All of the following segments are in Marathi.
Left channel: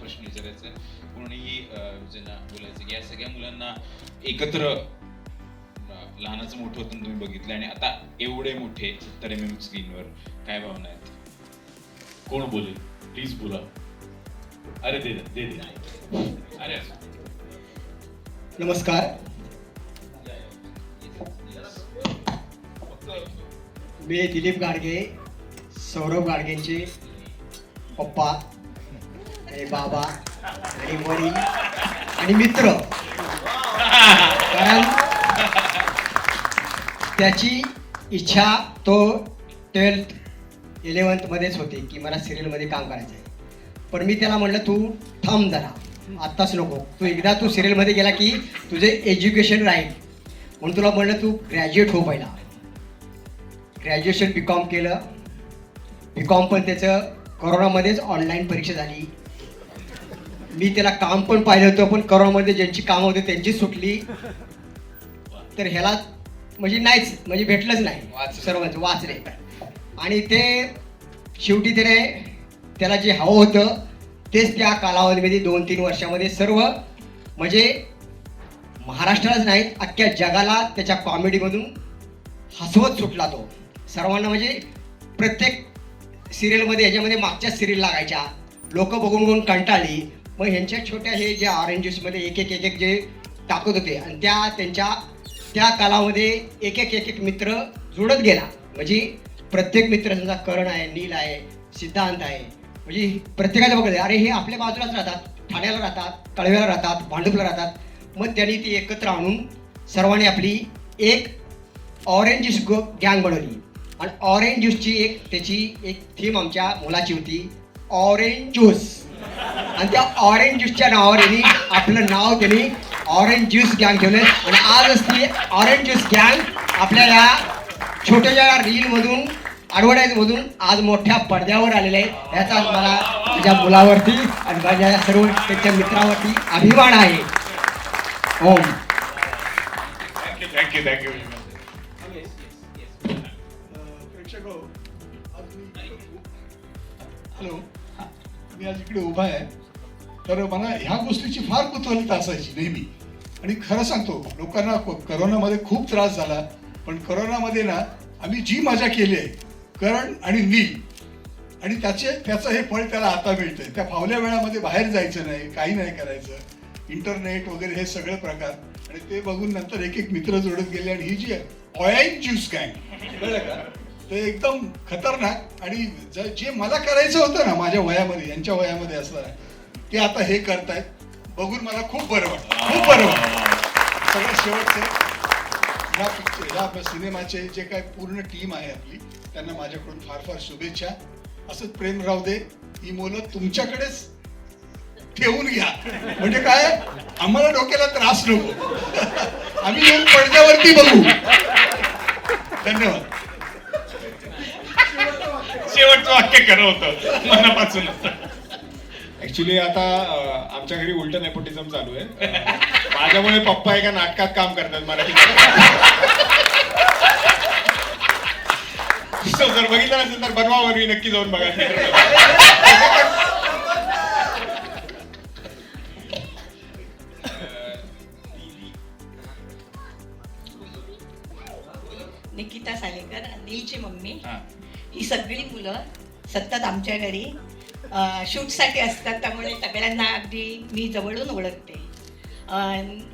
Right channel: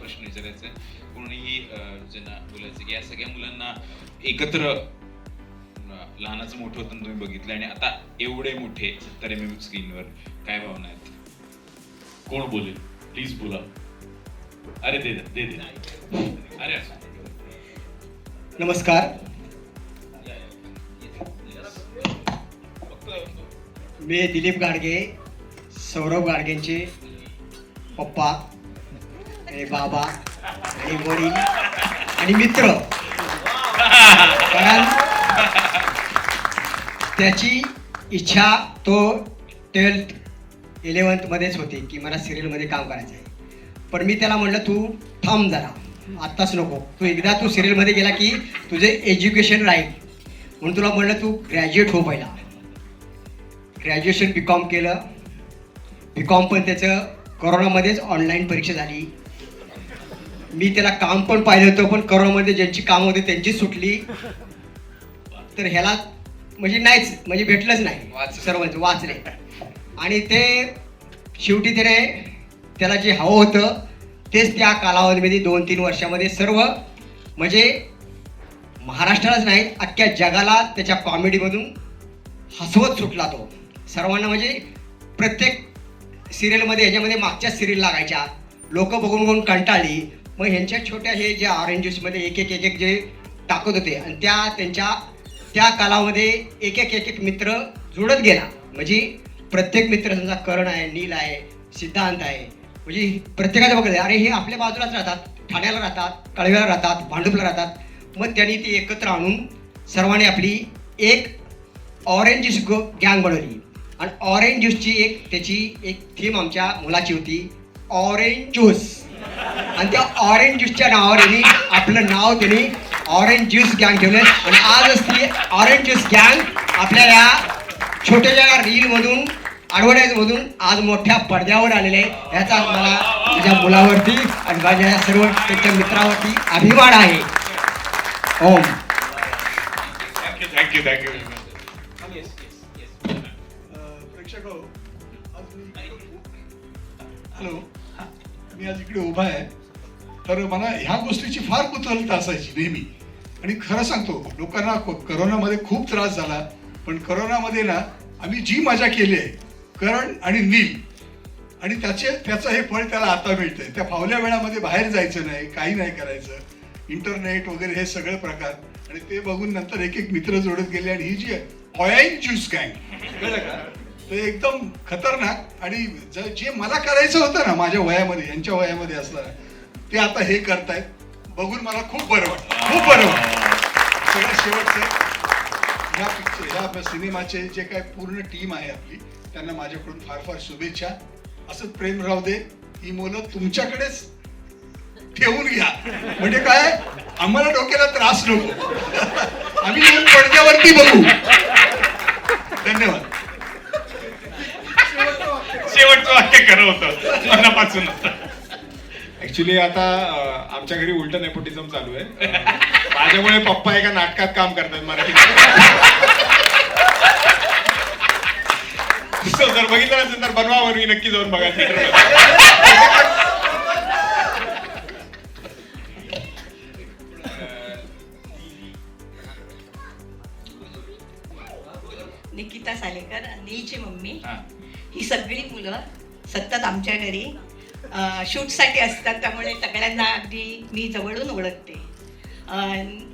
प्रश्न विचारायचा आहे. कोणीही ज्यांना बोलायचं की या सगळ्या मुलांना एकत्र लहानाचं मोठं होतं तुम्ही बघितलं आणि आता एवढे मोठे 70 mm स्क्रीनवर काय भावना आहेत? कोण बोलेल? प्लीज बोला. अरे दे दे दे. अरे नमस्कार. मी दिलीप गाडगे, सौरभ गाडगेंचे पप्पा आणि बाबा आणि वडील आणि मित्र. कारण त्याची इच्छा तो 12th 11th मध्येच होती की मला सिरियलमध्ये काम करायचं आहे. पण मी त्याला म्हणलं तू थांब जरा, आत्ताच नको, तू एकदा तू सिरियलमध्ये गेला की तुझे एज्युकेशन राहील. म्हणून तुला म्हणलं तू ग्रॅज्युएट हो पहिला. ग्रॅज्युएशन BCom केलं. BCom पण त्याचं कोरोनामध्येच ऑनलाईन परीक्षा झाली. मी त्याला काम पण पाहिलं होतं, पण कोरोनामध्ये ज्यांची कामं होती त्यांचीच सुटली. तर ह्याला म्हणजे नाहीच, म्हणजे भेटलंच नाही सर्वांचं वाचले. आणि ते शेवटी त्याला जे हवं होतं तेच त्या कालावधीमध्ये 2-3 वर्षामध्ये सर्व म्हणजे महाराष्ट्रालाच नाही अख्ख्या जगाला त्याच्या कॉमेडीमधून हसवत सुटला तो. सर्वांना म्हणजे प्रत्येक सिरियलमध्ये ह्याच्यामध्ये मागच्या सिरियल लागायच्या, लोक बघून कंटाळली. मग ह्यांच्या छोट्या हे जे ऑरेंज ज्यूसमध्ये एक एक जे टाकत होते आणि त्या कालामध्ये एक मित्र जुळत गेला. म्हणजे प्रत्येक मित्र समजा करण आहे, नील आहे, सिद्धांत आहे, म्हणजे प्रत्येकाला बघत अरे हे आपल्या बाजूलाच राहतात, ठाण्याला राहतात, कळव्याला राहतात, भांडुपला राहतात. मग त्यांनी ती एकत्र आणून सर्वांनी आपली एक ऑरेंज ज्यूस गँग बनवली. आणि ऑरेंज ज्यूसची त्याची एक थीम आमच्या मुलाची होती, ऑरेंज ज्यूस. आणि त्या ऑरेंज ज्यूसच्या नावावर त्यांनी आपलं नाव त्यांनी ऑरेंज ज्यूस गँग ठेवलं. आणि आजच ती ऑरेंज ज्यूस गँग आपल्याला छोट्याशा रीलमधून ॲडव्हर्टाईजमधून आज मोठ्या पडद्यावर आलेले आहे. याचा मला तुझ्या मुलावरती आणि माझ्या सर्व त्याच्या मित्रावरती अभिमान आहे. ओम. Thank you thank you. प्रेक्षक हो, हॅलो, मी आज इकडे उभा आहे. तर मला ह्या गोष्टीची फार कुतूहलता असायची नेहमी. आणि खरं सांगतो, लोकांना करोनामध्ये खूप त्रास झाला, पण करोनामध्ये ना आम्ही जी मजा केली आहे करण आणि नील, आणि त्याचं हे फळ त्याला आता मिळतंय. त्या फावल्या वेळामध्ये बाहेर जायचं नाही, काही नाही करायचं, इंटरनेट वगैरे हे सगळे प्रकार. आणि ते बघून नंतर एक मित्र जोडत गेले. आणि ही जी ऑरेंज ज्यूस गँग कळलं का, ते एकदम खतरनाक. आणि जे मला करायचं होतं ना माझ्या वयामध्ये, यांच्या वयामध्ये असलं, ते आता हे करतायत. बघून मला खूप बरं वाटतं, खूप बरं वाटतं. सगळ्यात शेवटचं ह्या सिनेमाचे जे काय पूर्ण टीम आहे आपली, त्यांना माझ्याकडून फार फार शुभेच्छा. असंच प्रेम राहू दे. ही मुलं तुमच्याकडेच ठेवून घ्या, म्हणजे काय आम्हाला डोक्याला त्रास नको. आम्ही येऊन पडद्यावरती बघू. धन्यवाद. शेवटचं वाक्य खरं होतं मनापासून. ऍक्च्युली आता आमच्या घरी उलट नेपोटिझम चालू आहे. माझ्यामुळे पप्पा एका नाटकात काम करतात मराठी. जर बघितलं असेल तर बनवावर मी नक्की जाऊन बघायचं. निकिता सालेकर, नीलची मम्मी. ही सगळी मुलं सतत आमच्या घरी शूटसाठी असतात, त्यामुळे सगळ्यांना अगदी मी जवळून ओळखते.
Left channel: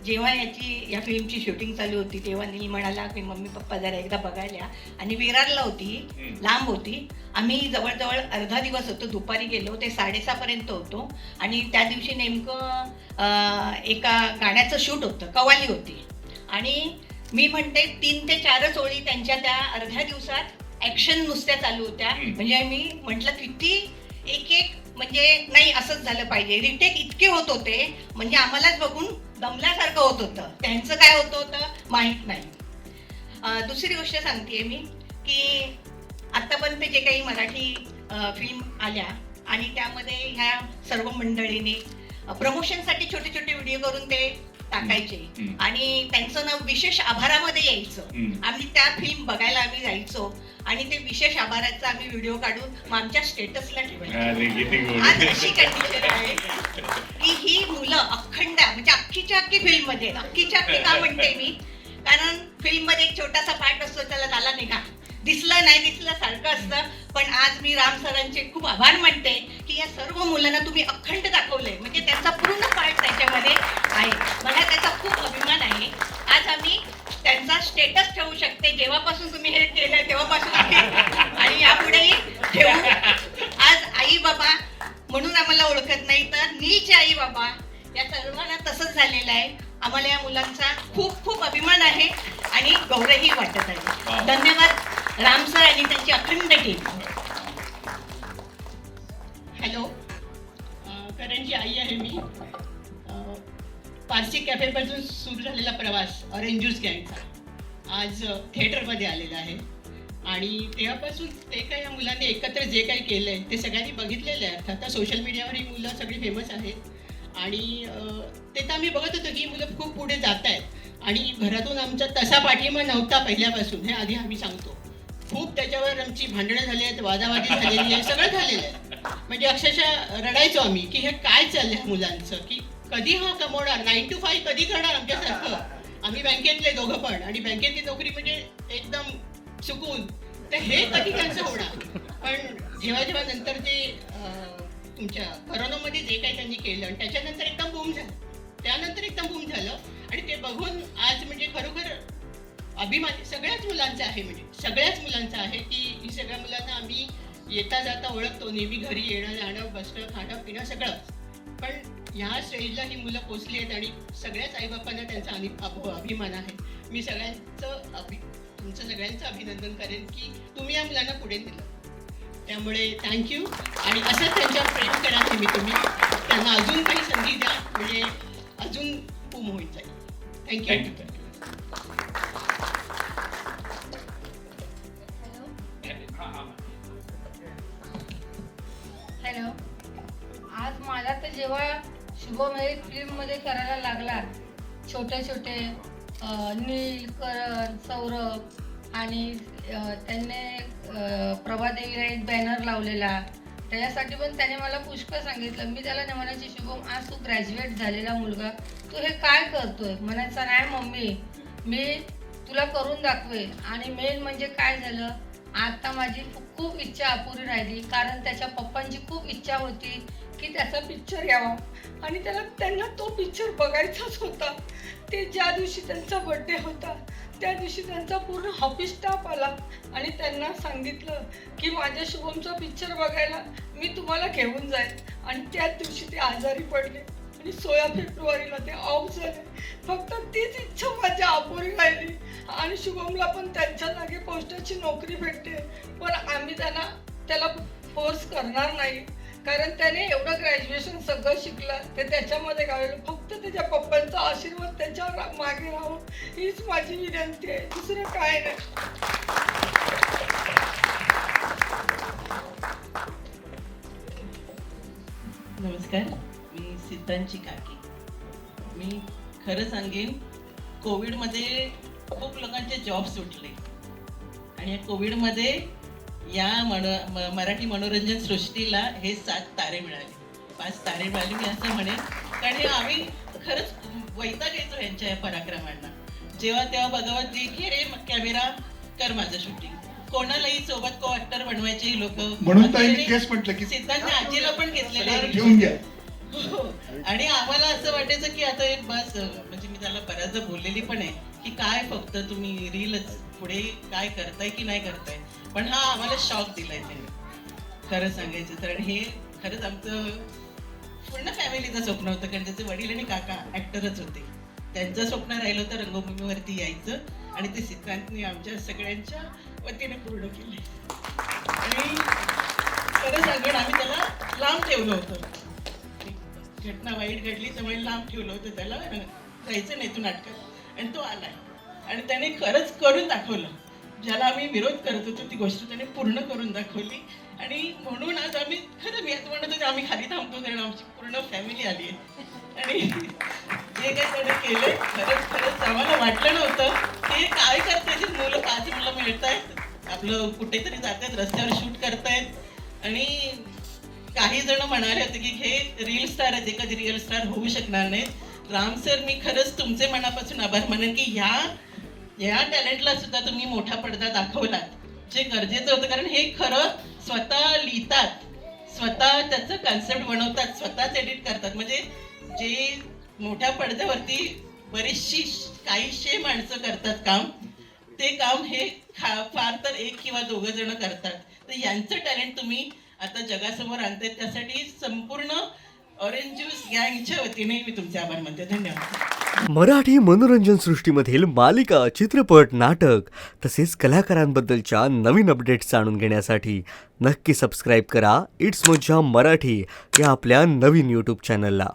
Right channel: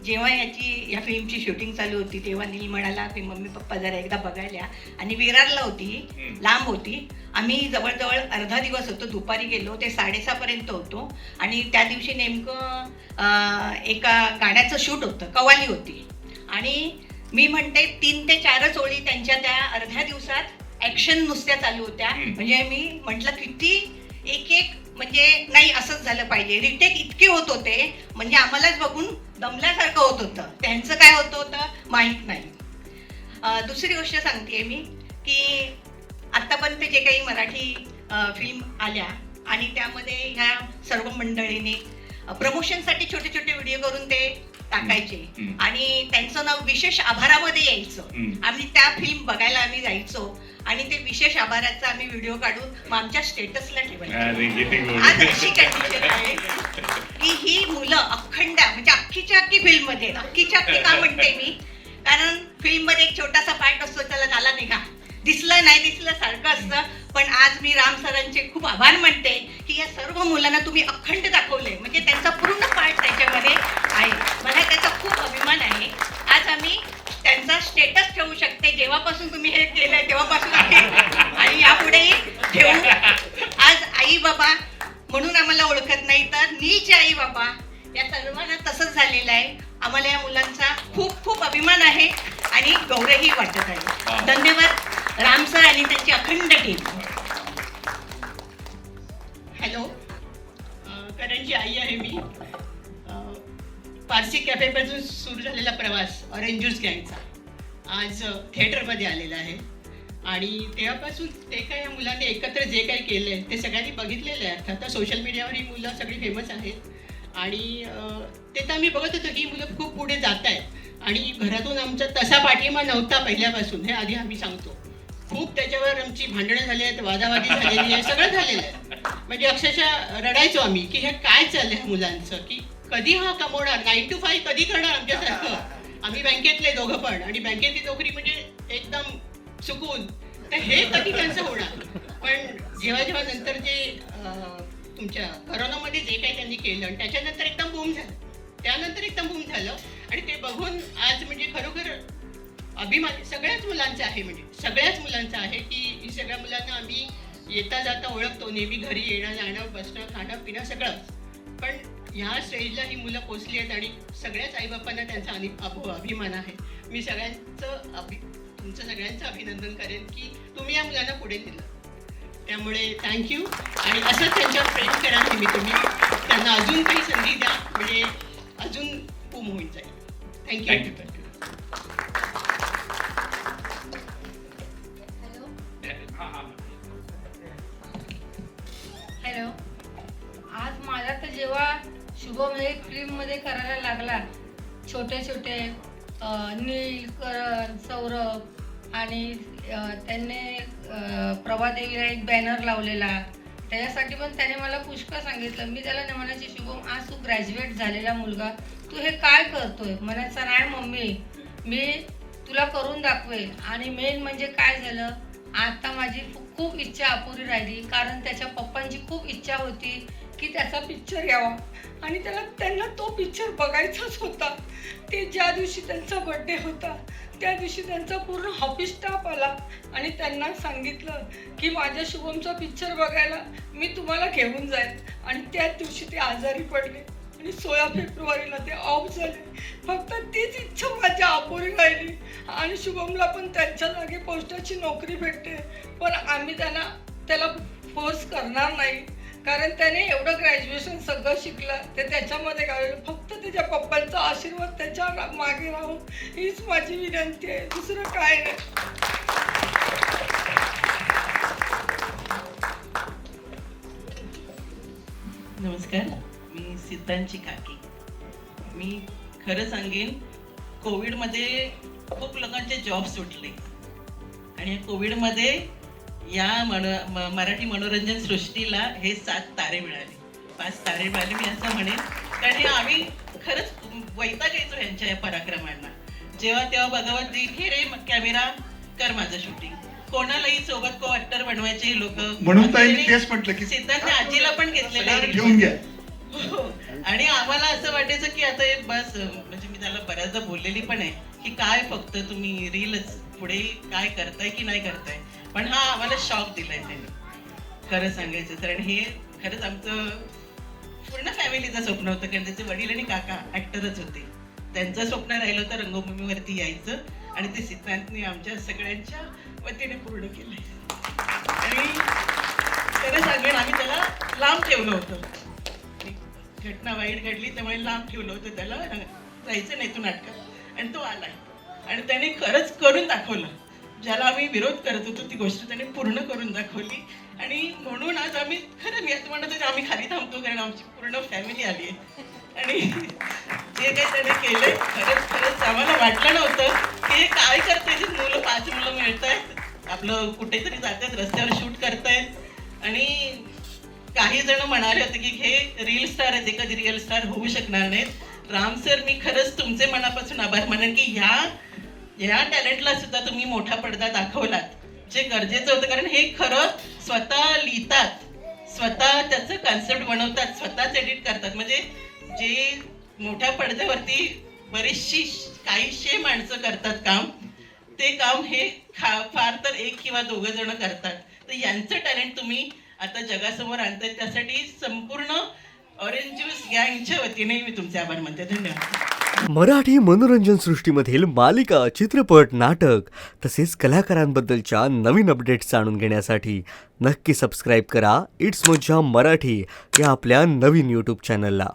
जेव्हा ह्या फिल्मची शूटिंग चालू होती तेव्हा नील म्हणाला की मम्मी पप्पा जरा एकदा बघायला. आणि विरारला होती, लांब होती. आम्ही जवळजवळ अर्धा दिवस होतो, दुपारी गेलो, ते 6:30 पर्यंत होतो. आणि त्या दिवशी नेमकं एका गाण्याचं शूट होतं, कवाली होती. आणि मी म्हणते 3 ते 4 ओळी त्यांच्या त्या अर्ध्या दिवसात ॲक्शन नुसत्या चालू होत्या. म्हणजे मी म्हटलं किती एक म्हणजे नाही असंच झालं पाहिजे. रिटेक इतके होत होते म्हणजे आम्हालाच बघून दमल्यासारखं होत होतं. त्यांचं काय होतं माहीत नाही. दुसरी गोष्ट सांगते मी की आत्तापर्यंत जे काही मराठी फिल्म आल्या आणि त्यामध्ये ह्या सर्व मंडळीने प्रमोशनसाठी छोटे छोटे व्हिडिओ करून ते टाकायचे हम्म. आणि त्यांचं नाव विशेष आभारामध्ये यायचं. हम्म. आम्ही त्या फिल्म बघायला आम्ही जायचो आणि ते विशेष आभाराचा आम्ही व्हिडिओ काढून मग आमच्या स्टेटसला ठेवायचो. अरे किती गोड. आज अशी कंडिशन आहे की ही मुलं अखंड म्हणजे अख्खीच्या अख्खी फिल्म मध्ये अख्खीच्या अख्खी का म्हणते मी, कारण फिल्म मध्ये एक छोटासा पार्ट असतो, त्याला झाला नाही का, दिसलं नाही दिसलं सारखं असतं. पण आज मी राम सरांचे खूप आभार मानते की या सर्व मुलांना तुम्ही अखंड दाखवले, म्हणजे त्यांचा पूर्ण पार्ट त्याच्यामध्ये आहे. मला त्याचा खूप अभिमान आहे. आज आम्ही त्यांचा स्टेटस ठेवू शकते, जेव्हापासून तुम्ही हे केलंय तेव्हापासून आम्ही आणि यापुढेही ठेवू. आज आई बाबा म्हणून आम्हाला ओळखत नाही, तर नीचे आई बाबा या सर्वांना तसंच झालेलं आहे. आम्हाला या मुलांचा खूप खूप अभिमान आहे आणि गौरवही वाटत आहे. धन्यवाद राम सर आणि त्यांची अखंड टीम. हॅलो, करणची आई आहे मी. पारसी कॅफेपासून सुरू झालेला प्रवास ऑरेंज ज्यूस गँगचा आज थिएटरमध्ये आलेला आहे आणि तेव्हापासून ते काही या मुलांनी एकत्र जे काही केलं आहे ते सगळ्यांनी बघितलेलं आहे. आता सोशल मीडियावर ही मुलं सगळी फेमस आहेत आणि ते तर आम्ही बघत होतो की ही मुलं खूप पुढे जात आहेत आणि घरातून आमचा तसा पाठिंबा नव्हता पहिल्यापासून, हे आधी आम्ही सांगतो. खूप त्याच्यावर आमची भांडणं झाली आहेत, वादावादी झालेली आहे, सगळं झालेलं आहे. म्हणजे अक्षरशः रडायचो आम्ही की हे काय चाललंय मुलांचं, की कधी हा कमवणार, 9 to 5 कधी करणार आमच्यासारखं. आम्ही बँकेतले दोघं पण आणि बँकेतली नोकरी म्हणजे एकदम चुकून, तर हे कधी त्यांचं होणार. पण जेव्हा जेव्हा नंतर जे तुमच्या करोनामध्ये जे काही त्यांनी केलं आणि त्याच्यानंतर एकदम बूम झालं, त्यानंतर एकदम बूम झालं आणि ते बघून आज म्हणजे खरोखर अभिमान सगळ्याच मुलांचा आहे, म्हणजे सगळ्याच मुलांचा आहे की ही सगळ्या मुलांना आम्ही येता जाता ओळखतो, नेहमी घरी येणं जाणं बसणं खाणं पिणं सगळं. पण ह्या स्टेजला ही मुलं पोचली आहेत आणि सगळ्याच आईबापांना त्यांचा अभिमान आहे. मी तुमचं सगळ्यांचं अभिनंदन करेन की तुम्ही या मुलांना पुढे नेलं. त्यामुळे थँक्यू आणि असंच त्यांच्यावर प्रेम करा नेहमी तुम्ही, त्यांना अजून काही संधी द्या म्हणजे अजून बूम होऊन जाईल. थँक्यू. हॅलो, आज मला तर जेव्हा शुभम हे फिल्ममध्ये करायला लागला, छोटे छोटे नील, करण, सौरभ आणि त्यांनी प्रभादेवीला एक बॅनर लावलेला, त्याच्यासाठी पण त्याने मला पुष्कळ सांगितलं. मी त्याला म्हणायचे, शुभम आज तू ग्रॅज्युएट झालेला मुलगा, तू हे काय करतोय? म्हणायचा नाही मम्मी, मी तुला करून दाखवेन. आणि मेन म्हणजे काय झालं, आता माझी खूप इच्छा अपुरी राहिली, कारण त्याच्या पप्पांची खूप इच्छा होती की त्याचा पिक्चर यावा आणि त्यांना तो पिक्चर बघायचाच होता. ते ज्या दिवशी त्यांचा बर्थडे होता त्या दिवशी त्यांचा पूर्ण ऑफिस स्टाफ आला आणि त्यांना सांगितलं की माझ्या शुभमचा पिक्चर बघायला मी तुम्हाला घेऊन जाईल. आणि त्याच दिवशी ते आजारी पडले आणि 16 फेब्रुवारीला ते ऑफ झाले. फक्त तीच इच्छा माझ्या अपुरी राहिली आणि शुभमला पण त्यांच्या जागी पोस्टाची नोकरी भेटते. पण आम्ही त्याला फोर्स करणार नाही, कारण त्याने एवढं ग्रॅज्युएशन सगळं शिकलं ते त्याच्यामध्ये गावलं. फक्त त्याच्या पप्पांचा आशीर्वाद त्याच्या मागे राहावं हीच माझी विनंती आहे, दुसरं काय नाही. नमस्कार, मी सिद्धांची काकी. मी खरं सांगेन, कोविडमध्ये खूप लोकांचे जॉब सुटले आणि या कोविडमध्ये या मराठी मनोरंजन सृष्टीला हे 7 तारे मिळाले, 5 तारे मिळाले मी असं म्हणेन. कारण हे आम्ही खरंच वैतागायचो यांच्या या पराक्रमांना. जेव्हा तेव्हा बघावं ते घे रे कॅमेरा कर माझं शूटिंग, कोणालाही सोबत को ऍक्टर बनवायचे हे लोक. म्हणून तेच म्हटलं की सिद्धांत आजीला पण घेतलेलं आहे घेऊन घ्या. आणि आम्हाला असं वाटायचं की आता हे बस, म्हणजे मी त्याला बऱ्याचदा बोललेली पण आहे की काय फक्त तुम्ही रीलच पुढे काय करताय की नाही करताय. पण हा आम्हाला शॉक दिलाय त्याने खरं सांगायचं तर. आणि हे खरंच आमचं पूर्ण फॅमिलीचं स्वप्न होतं, कारण त्याचे वडील आणि काका ऍक्टरच होते. त्यांचं स्वप्न राहिलं होतं रंगभूमीवरती यायचं आणि ते सिद्धांतने आमच्या सगळ्यांच्या वतीने पूर्ण केलंय. आणि खरं सांगेन, आम्ही त्याला लांब ठेवलं होतं. घटना वाईट घडली त्यामुळे लांब ठेवलं होतं त्याला, जायचं नाही तू नाटकात. आणि तो आलाय आणि त्याने खरंच करून दाखवलं. ज्याला आम्ही विरोध करत होतो ती गोष्ट त्याने पूर्ण करून दाखवली. आणि म्हणून आज आम्ही खरं मी असं म्हणत होते आम्ही खाली थांबतो, कारण आमची पूर्ण फॅमिली आली आहे आणि जे काही त्याने केले. खरंच आम्हाला वाटलं नव्हतं की हे काय करते जी मुलं 5 मुलं मिळतायत, आपलं कुठेतरी जातात, रस्त्यावर शूट करतायत. आणि काही जण म्हणाले होते की हे रील स्टार आहेत, कधी रिअल स्टार होऊ शकणार नाहीत. राम सर, मी खरंच तुमचे मनापासून आभार मानेन की ह्या टॅलेंटला सुद्धा तुम्ही मोठा पडदा दाखवलात, जे गरजेचं होतं. कारण हे खरं स्वतः लिहितात, स्वतः त्याचं कॉन्सेप्ट बनवतात, स्वतःच एडिट करतात. म्हणजे जे मोठ्या पडद्यावरती बरीचशी काहीशे माणसं करतात काम, ते काम हे फार तर 1 किंवा 2 जण करतात. तर यांचं टॅलेंट तुम्ही आता जगासमोर आणताय, त्यासाठी संपूर्ण ऑरेंज ज्यूस गँगच्या वतीने मी तुमचे आभार मानते. धन्यवाद. मराठी मनोरंजन सृष्टीमधील मालिका, चित्रपट, नाटक तसेच कलाकारांबद्दलच्या नवीन अपडेट्स जाणून घेण्यासाठी नक्की सबस्क्राईब करा इट्स मज्जा मराठी या आपल्या नवीन यूट्यूब चॅनलला.